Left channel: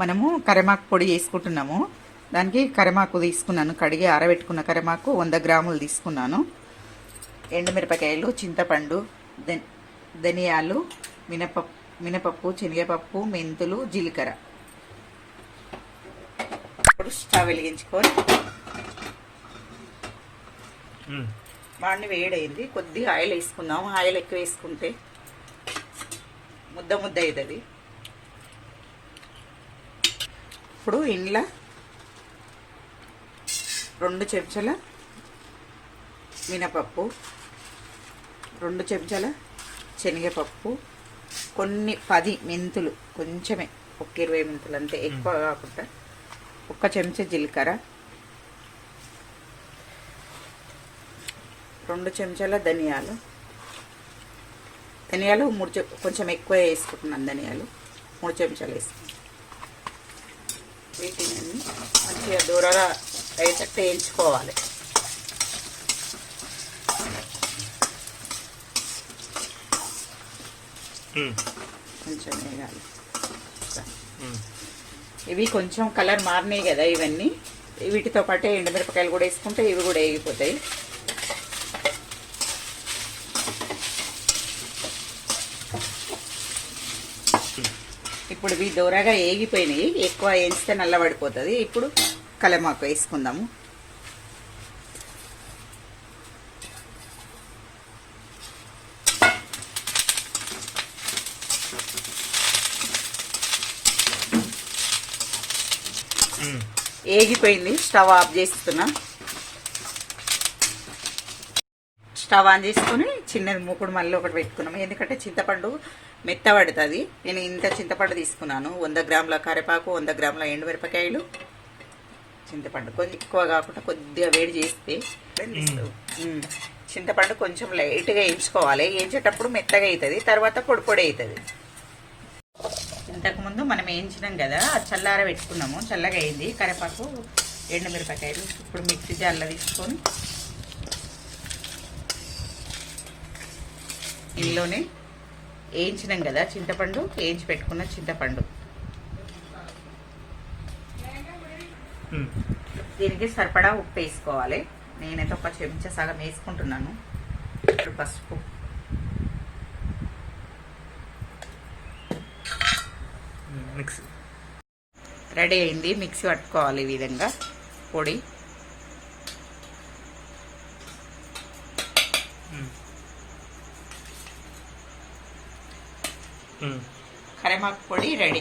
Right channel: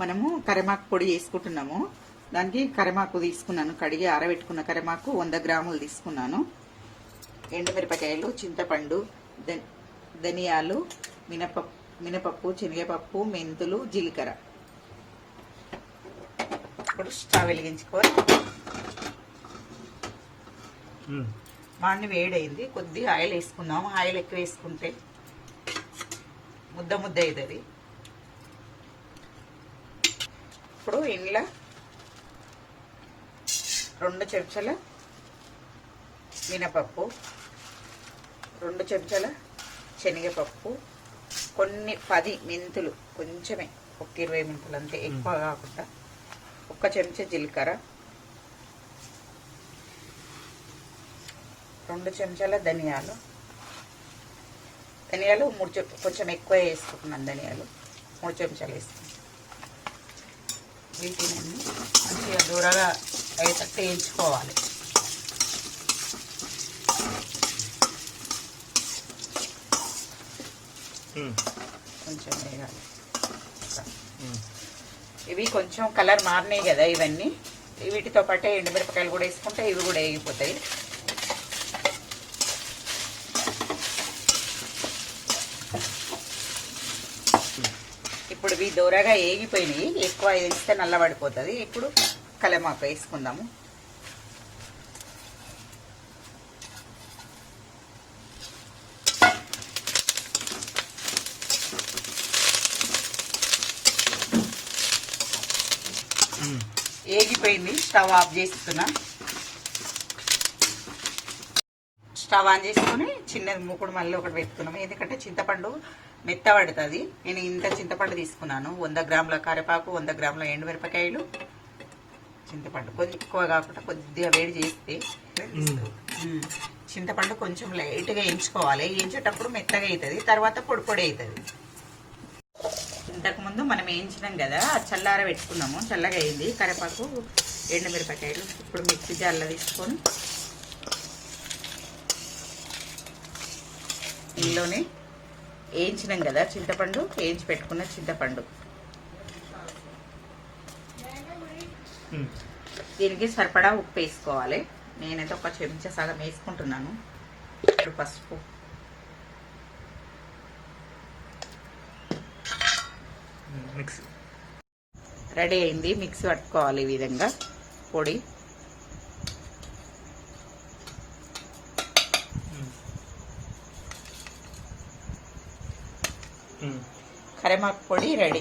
మనము కరివేపాకు పొడి చేసుకుంటున్నాము. దానికి కరివేపాకు తీసుకున్నాను, కడిగి ఆరబెట్టుకున్న కరివేపాకు 100 గ్రాములు తీసుకున్నాను. ఎండుమిరపకాయలు, చింతపండు, ధనియాలు, మినపప్పు, శనగపప్పు, మెంతులు, జీలకర్ర. ఇప్పుడు స్టవ్ వెలిగించుకొని బాగా వేడైంది. కొద్దిగా ఆయిల్ వేసుకుందాం. ఆయిల్ ఎక్కువ వేసుకుంటే ముద్ద ముద్ద అవుతుంది. ఇప్పుడు ఇంట్లో 2 చెంచాల మినపప్పు, 2 చెంచాల శనగపప్పు, కొన్ని 10 మెంతులు, కొంచెమే ఒక 20 మెంతులు అంతే, ఎక్కువ కాకుండా, 1 చెంచా జీలకర్ర, 2 చెంచాల ధనియాలు 3 కొంచెం ఎక్కువ వేసుకుంటున్నాను. ధనియాలు 3 చెంచాలు వేసుకున్నాను. వీటిని మంచిగా దూరగా అయ్యేటట్టు వేయించుకోవాలి. కొంచెం వేయాలి. ఇవి కొంచెం కలర్ మారినాయి కదా, ఇవన్నీ వీటితో పాటే ఎండుమిరపకాయలు కూడా వేసుకుంటే ఇవి కూడా వేగిపోతాయి. ఇప్పుడు ఇవి దూరగా ఏగిపోయినాయి. ఎక్కువ వేస్తే నల్లబడిపోతుంది. ఇప్పుడు కరివేపాకు వేసుకుందాము. ఏగిపోయింది. స్టవ్ ఆఫ్ చేస్తున్నా. స్టవ్ ఆన్ చేసుకుని చిన్నది మూకుడు మళ్ళీ ఒకటి పెట్టుకున్నాము. ఎందుకంటే చింతపండు మెత్తబడుతుంది. నేను ఇంత చింతపండు తీసుకున్నాను. 100 గ్రాముల కరివేపాకు, 100 గ్రాముల ఎండుమిరపకాయలు, చింతపండు కొద్ది ఎక్కువ కాకుండా కొద్దిగా వేడి చేస్తే చింతపండు కొంచెం లైట్గా వేయించుకోవాలి. వేయించేటప్పుడు మెత్తగా అవుతుంది, తర్వాత పొడి పొడి అవుతుంది. ఇంతకుముందు మనం వేయించినాం కదా, చల్లార పెట్టుకున్నాము. చల్లగా అయింది కరివేపాకు, ఎండుమిరపకాయలు. ఇప్పుడు మిక్సీ జార్లో తీసుకొని ఇందులోనే వేయించినాం కదా చింతపండు, వేయించి పెట్టుకున్న చింతపండు, దీనికి సరిపడా ఉప్పు వేసుకోవాలి. నేనైతే 1 చెంచా సగం వేసుకుంటున్నాను. ఇప్పుడు పసుపు, రెడీ అయింది. మిక్సీ పట్టుకోవాలి ఈ విధంగా పొడి. కరివేపాకు పొడి రెడీ.